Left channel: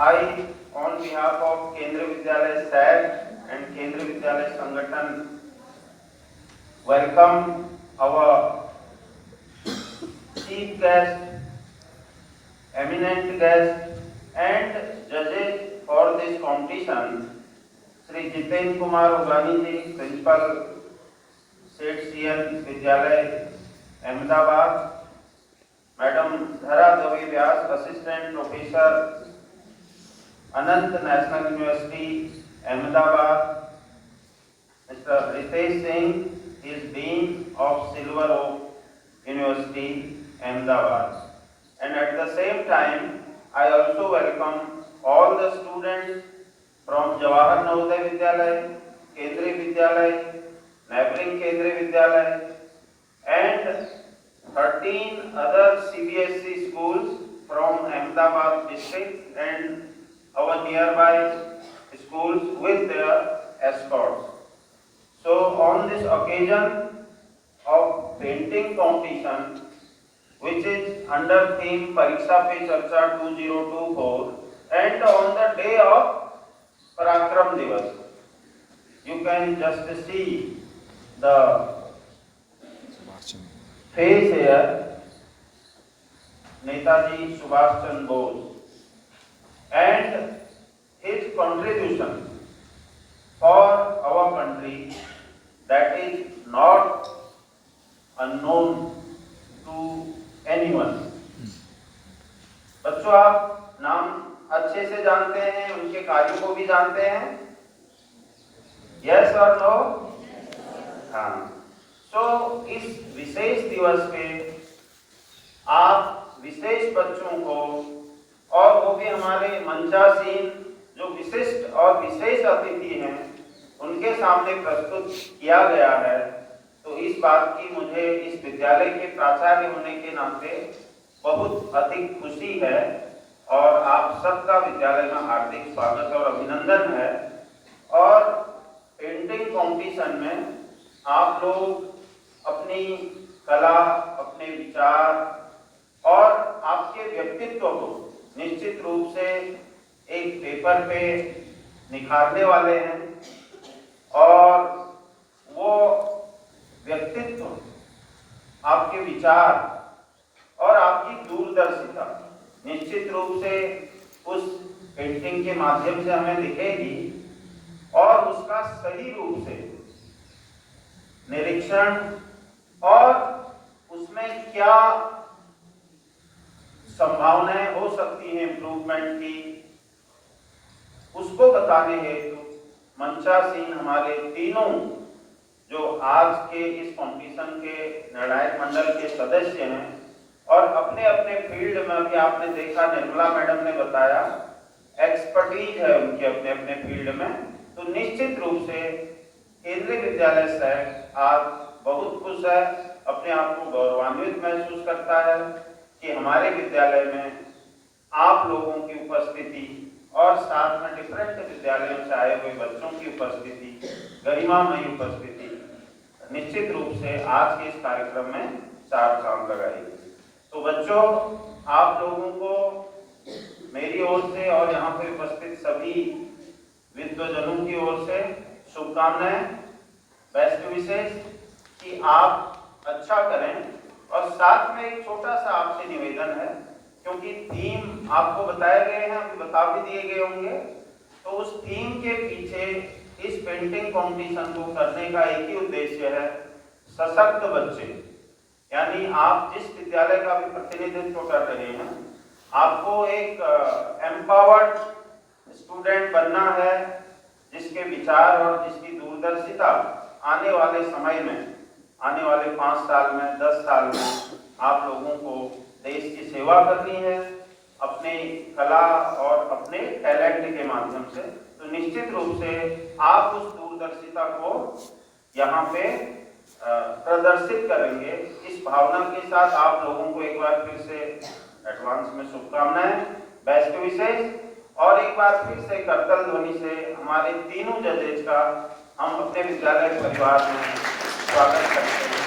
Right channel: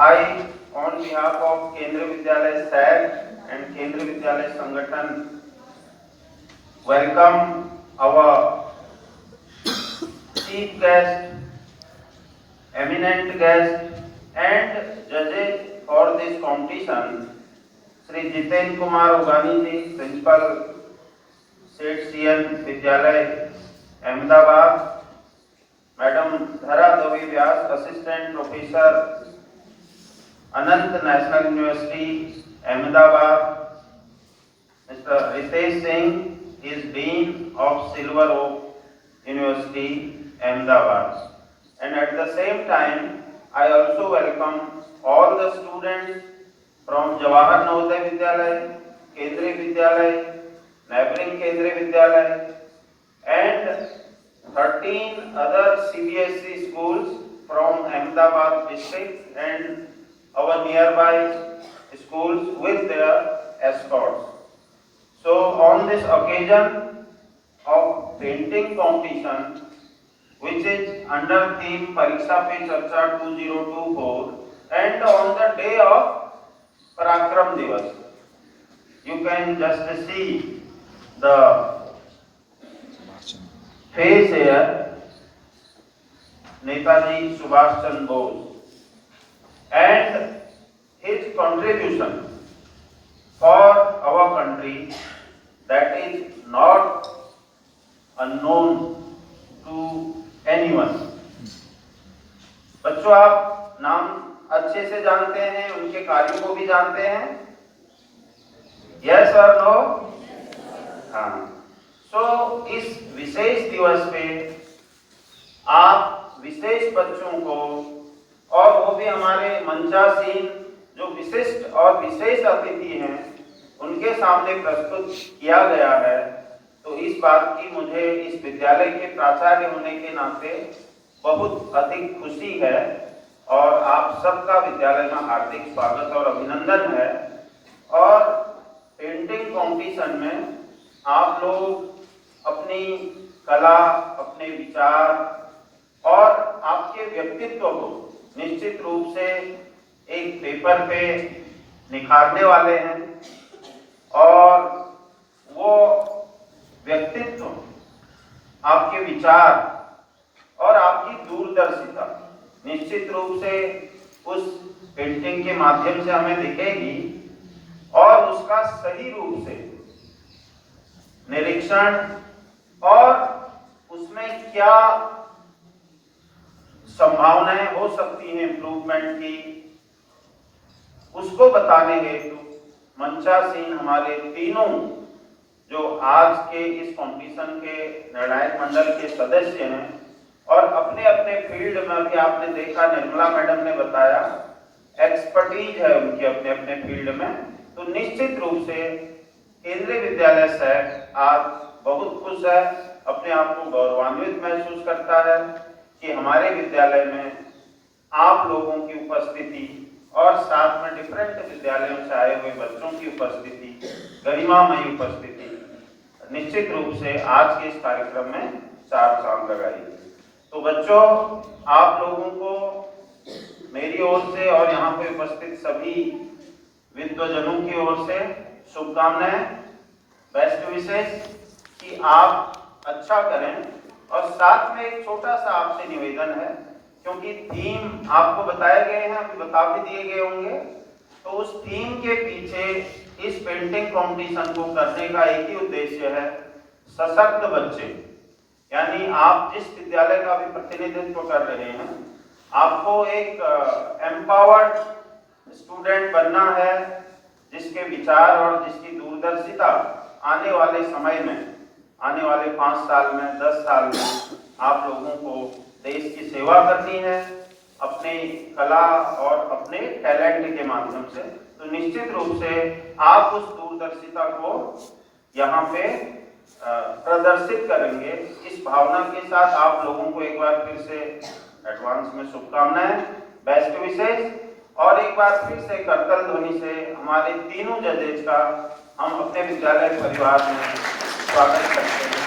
I, on behalf of Kendriya Vidyalaya SAG and Kendriya Vidyalaya Sangathan, welcome our chief guest, eminent guest, and judges for this competition, Shri Jiten Kumar Ugani ji, Principal, Seth CN Vidyalaya, Ahmedabad, Madam Dhara Devi Vyas, Assistant Professor, Anant National University, Ahmedabad, Mr. Ritesh Singh is Dean of Silver Oak University, Ahmedabad. And at the same time, I also welcome all the students from Jawahar Navodaya Vidyalaya, Kendriya Vidyalaya, neighboring Kendriya Vidyalaya, and 13 other CBSE schools from Ahmedabad district and our nearby schools with their escorts. So on this occasion of painting competition, which is under theme Pariksha Pe Charcha 2024, and on the day of Parakram Divas, you can just see the face here, Netaji Subhash Chandra Bose, and his contribution for our country that is not unknown to anyone. बच्चों, आप नाम अच्छे से जानते हैं, उनके कार्यों को भी जानते हैं? यस और नो? हाँ। सो इस विशेष दिवस पे आप विशेष बच्चों को, और वो भी हमारे मंचासीन जो विशिष्ट और विशेष अतिथि हैं, उनके सामने प्रस्तुत किया गया है। तो इस बात की मुझे इस विद्यालय के प्राचार्य होने के नाते बहुत अधिक खुशी है और आप सबका विद्यालय में हार्दिक स्वागत और अभिनंदन है। और पेंटिंग कंपटीशन में आप लोग अपनी कला, अपने विचार और आपके व्यक्तित्व को निश्चित रूप से एक पेपर पे निखारने वाले हैं, और वो व्यक्तित्व, आपके विचार और आपकी दूरदर्शिता निश्चित रूप से उस पेंटिंग के माध्यम से हमें दिखेगी, और उसका सही रूप से निरीक्षण और उसमें क्या संभावनाएं हो सकती हैं इम्प्रूवमेंट की, उसको बताने हेतु मंचा सिंह हमारे तीनों जो आज के इस कंपटीशन के निर्णायक मंडल के सदस्य हैं और अपने अपने फील्ड में भी आपने देखा, निर्मला मैडम ने बताया, एक्सपर्टीज है उनके अपने अपने फील्ड में। तो निश्चित रूप से केंद्रीय विद्यालय से आज बहुत खुश है, अपने आप को गौरवान्वित महसूस करता है कि हमारे विद्यालय में आप लोगों की उपस्थिति और साथ में डिफरेंट विद्यालयों से आए हुए बच्चों की उपस्थिति, गरिमामयी उपस्थिति निश्चित रूप से आज के इस कार्यक्रम में चार चांद लगाएगी। तो बच्चों, आप लोगों को मेरी ओर से और यहाँ पे उपस्थित सभी विद्वजनों की ओर से शुभकामनाएं, बेस्ट विशेष कि आप अच्छा करें। और साथ में एक छोटा सा आपसे निवेदन है, क्योंकि थीम आपको बताए गए हैं, अभी बता भी दिए गए होंगे, तो उस थीम के पीछे इस पेंटिंग कंपटीशन को करने का एक ही उद्देश्य है, सशक्त बच्चे। यानी आप जिस विद्यालय का भी प्रतिनिधित्व कर रहे हैं, आपको एक एम्पावर्ड स्टूडेंट बनना है, जिसके विचार और जिसकी दूरदर्शिता आने वाले समय में, आने वाले 5 साल में, 10 साल में आप लोगों को देश की सेवा करनी है अपने कला और अपने टैलेंट के माध्यम से। तो निश्चित रूप से आप उस दूरदर्शिता को यहाँ पे प्रदर्शित करेंगे। इस भावना के साथ आप लोगों को एक बार फिर से एडवांस में शुभकामनाएं, बेस्ट विशेष। और एक बार फिर से करतल ध्वनि से हमारे तीनों जजेज का हम अपने विद्यालय परिवार में स्वागत करते हैं।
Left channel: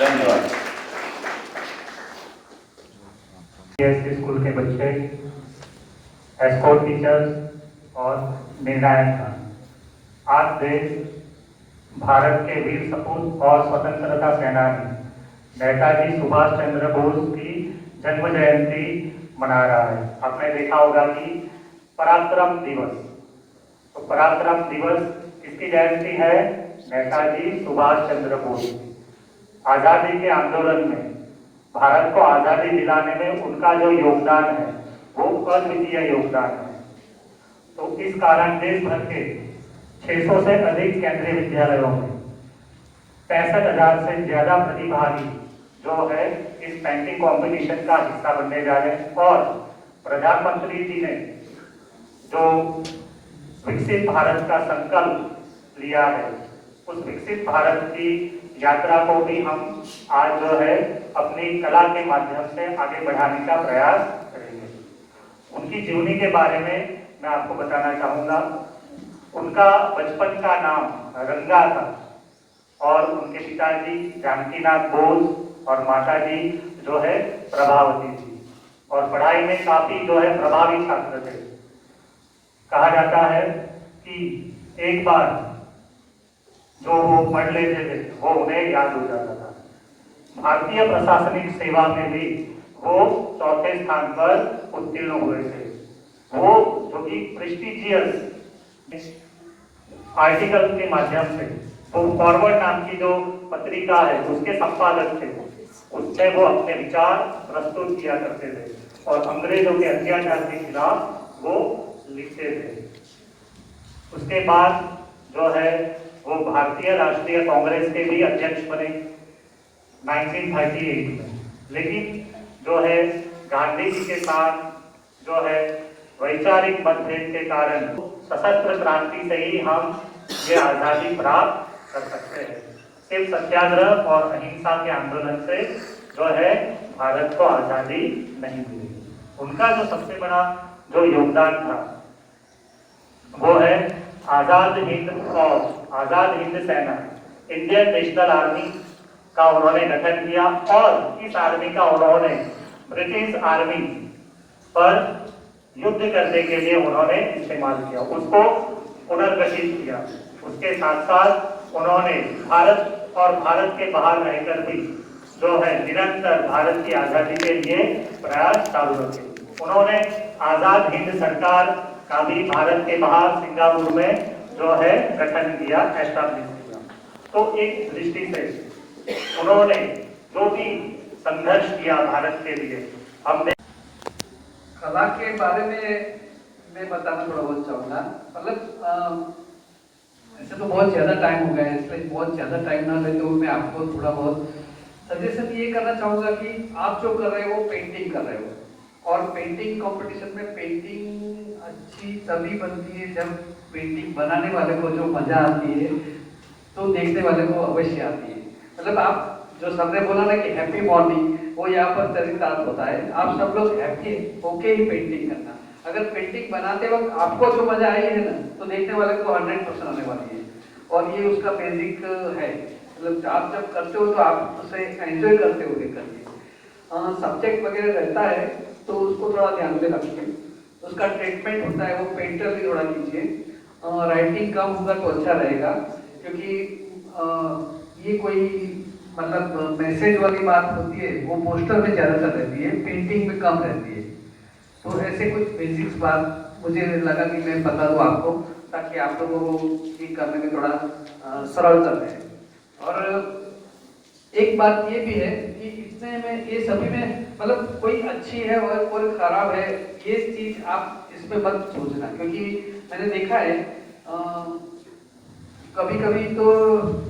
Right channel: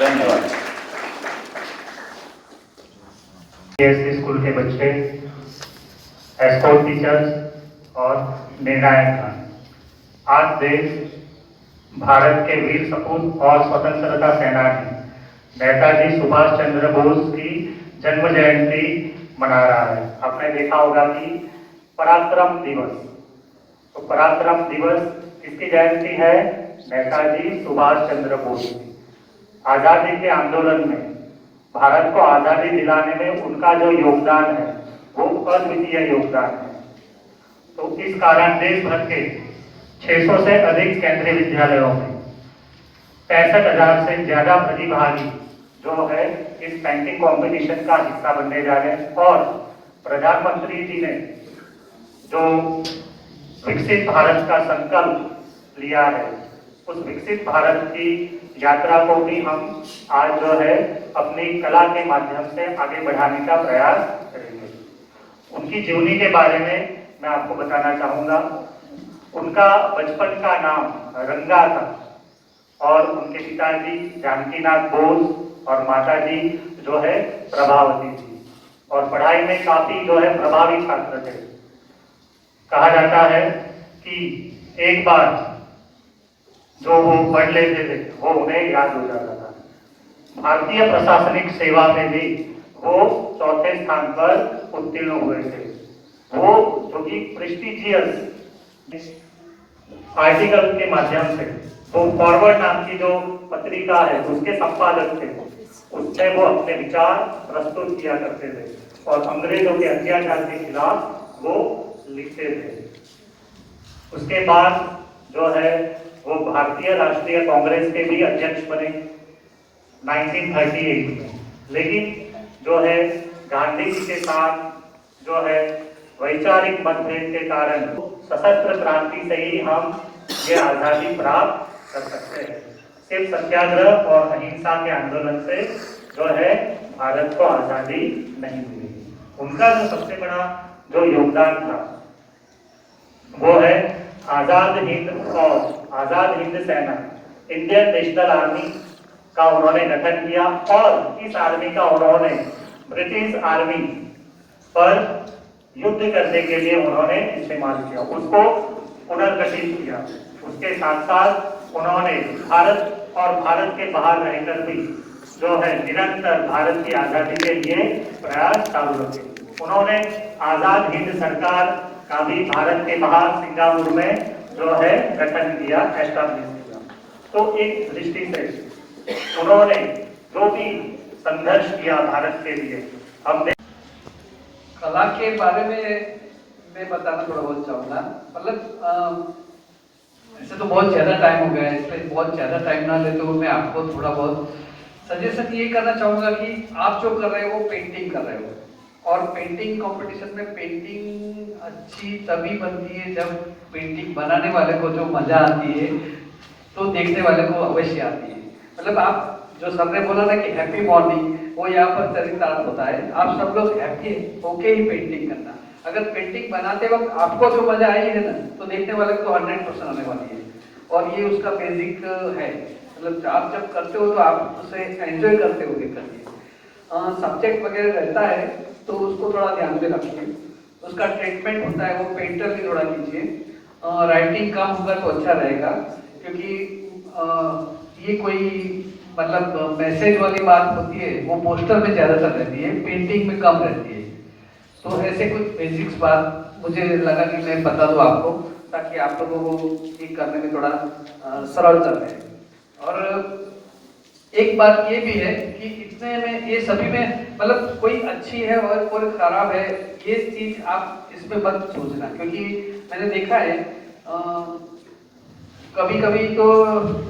धन्यवाद। स्कूल के बच्चे, एस्कॉर्ट टीचर्स और निर्णायकगण, आज देश भारत के वीर सपूत और स्वतंत्रता सेनानी नेताजी सुभाष चंद्र बोस की जन्म जयंती मना रहा है। आपने देखा होगा कि पराक्रम दिवस, तो पराक्रम दिवस किसकी जयंती है? नेताजी सुभाष चंद्र बोस। आजादी के आंदोलन में, भारत को आजादी दिलाने में उनका जो योगदान है वो अद्वितीय योगदान है। तो इस कारण देश भर के 600 से अधिक केंद्रीय विद्यालयों में 65,000 से ज्यादा प्रतिभागी जो है इस पेंटिंग कंपटीशन का हिस्सा बनने जा रहे हैं। और प्रधानमंत्री जी ने जो विकसित भारत का संकल्प लिया है, उस विकसित भारत की यात्रा को भी हम आज जो है अपनी कला के माध्यम से आगे बढ़ाने का प्रयास करेंगे। उनकी जीवनी के बारे में मैं आपको बताना चाहूँगा। उनका बचपन का नाम रंगा था और उनके पिताजी जानकीनाथ बोस और माताजी जो है प्रभावती थी, और पढ़ाई में काफी जो है प्रभावी छात्र थे। कहा जाता है कि एक बार जो वो पढ़ लेते थे वो उन्हें याद हो जाता था। भारतीय प्रशासनिक सेवा में भी वो 4थे स्थान पर उत्तीर्ण हुए थे। वो जो कि प्रेस्टिजियस आर्टिकल के माध्यम से, वो फॉरवर्ड नाम की जो पत्रिका है उसके संपादक थे। उसमें वो अपने विचार प्रस्तुत किया करते थे और अंग्रेजों के अत्याचार के खिलाफ वो लिखते थे। उसके बाद जो है वो भारतीय राष्ट्रीय कांग्रेस के भी अध्यक्ष बने 1938 में। लेकिन जो है गांधी जी के साथ जो है वैचारिक मतभेद के कारण सशस्त्र क्रांति से ही हम ये आजादी प्राप्त कर सकते हैं। सिर्फ सत्याग्रह और अहिंसा के आंदोलन से जो है भारत को आजादी नहीं मिली। उनका जो सबसे बड़ा जो योगदान था वो है आजाद हिंद फौज, आजाद हिंद सेना, इंडियन नेशनल आर्मी का उन्होंने गठन किया और इस आर्मी का उन्होंने ब्रिटिश आर्मी पर युद्ध करने के लिए उन्होंने इस्तेमाल किया, उसको पुनर्गठित किया। उसके साथ साथ उन्होंने भारत और भारत के बाहर रहकर भी जो है निरंतर भारत की आजादी के लिए प्रयास चालू रखे। उन्होंने आजाद हिंद सरकार का भी भारत के बाहर सिंगापुर में जो है गठन किया, एस्टैब्लिश किया। तो एक दृष्टि से उन्होंने जो भी संघर्ष किया भारत के लिए, हमने कला के बारे में मैं बताना थोड़ा बहुत चाहूँगा। मतलब ऐसे तो बहुत ज़्यादा टाइम हो गया है, इसलिए बहुत ज़्यादा टाइम ना लेते हुए मैं आपको थोड़ा बहुत सजेशन ये करना चाहूँगा कि आप जो कर रहे हो वो पेंटिंग कर रहे हो, और पेंटिंग कंपटीशन में पेंटिंग अच्छी तभी बनती है जब पेंटिंग बनाने वाले को जो मजा आती है तो देखने वाले को अवश्य आती है। मतलब आप जो सर ने बोला ना कि हैप्पी मॉर्निंग, वो यहाँ पर चरितार्थ होता है। आप सब लोग हैप्पी होके ही पेंटिंग करना। अगर पेंटिंग बनाते वक्त आपको जो मजा आई है ना, तो देखने वाले को 100% आने वाली है, और ये उसका बेसिक है। मतलब आप जब करते हो तो आप उसे एंजॉय करते हो करिए। सब्जेक्ट वगैरह रहता है तो उसको थोड़ा ध्यान में रखिए। उसका ट्रीटमेंट होता है वो पेंटर भी थोड़ा कीजिए। राइटिंग कम होगा तो अच्छा रहेगा, क्योंकि ये कोई मतलब मैसेज वाली बात होती है वो पोस्टर में ज़्यादातर रहती है, पेंटिंग में कम रहती है। तो ऐसे कुछ बेसिक्स बात मुझे लगा कि मैं बता दूँ आपको, ताकि आप लोगों को ये करने में थोड़ा सरलता रहे। और एक बात ये भी है कि इतने में ये सभी में मतलब कोई अच्छी है और कोई खराब है, ये चीज आप इसमें मत सोचना, क्योंकि मैंने देखा है कभी कभी तो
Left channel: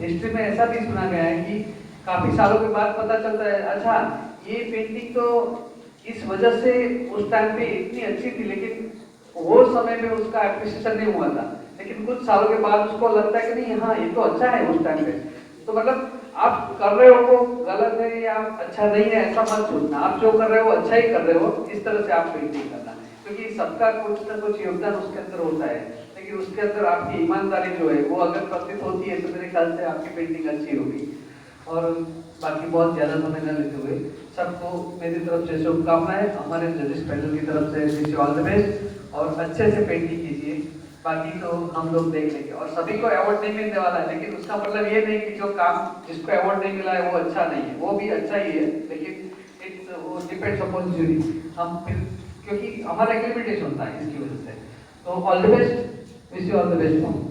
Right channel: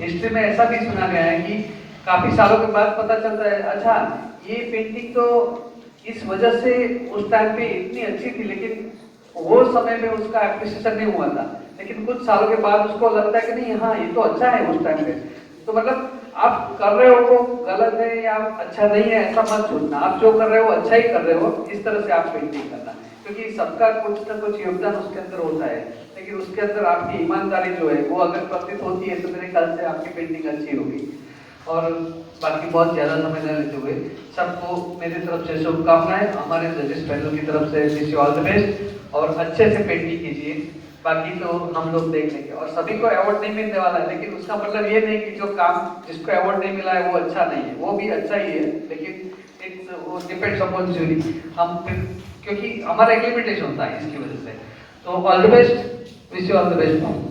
हिस्ट्री में ऐसा भी सुना गया है कि काफी सालों के बाद पता चलता है अच्छा ये पेंटिंग तो इस वजह से उस टाइम पे इतनी अच्छी थी, लेकिन वो समय में उसका एप्रिसिएशन नहीं हुआ था, लेकिन कुछ सालों के बाद उसको लगता है कि नहीं हाँ ये तो अच्छा है उस टाइम पे। तो मतलब आप कर रहे हो वो गलत है या अच्छा नहीं है ऐसा मत सोचना, आप जो कर रहे हो अच्छा ही कर रहे हो, इस तरह से आप पेंटिंग करना, क्योंकि सबका कुछ ना कुछ योगदान उसके अंदर होता है, लेकिन उसके अंदर आपकी ईमानदारी जो है वो अगर प्रतीत होती है तो मेरे ख्याल से आपकी पेंटिंग अच्छी होगी। और बाकी बहुत ज़्यादा समय न लेते हुए सबको मेरी तरफ से शुभकामनाएं, हमारे जजेस पैनल की तरफ से wish you all the best, और अच्छे से पेंटिंग कीजिए। बाकी तो हम लोग देख लेंगे, और सभी को अवार्ड नहीं मिलने वाला है, लेकिन उसका मतलब ये नहीं कि जो काम जिसको अवार्ड नहीं मिला है वो अच्छा नहीं है, वो भी अच्छा ही है, लेकिन इट्स वो डिपेंड्स अपॉन जूरी। हम फिर क्योंकि हमारा एग्रीमेंटेशन होता है इसकी वजह से। तो all the best, wish you all the best.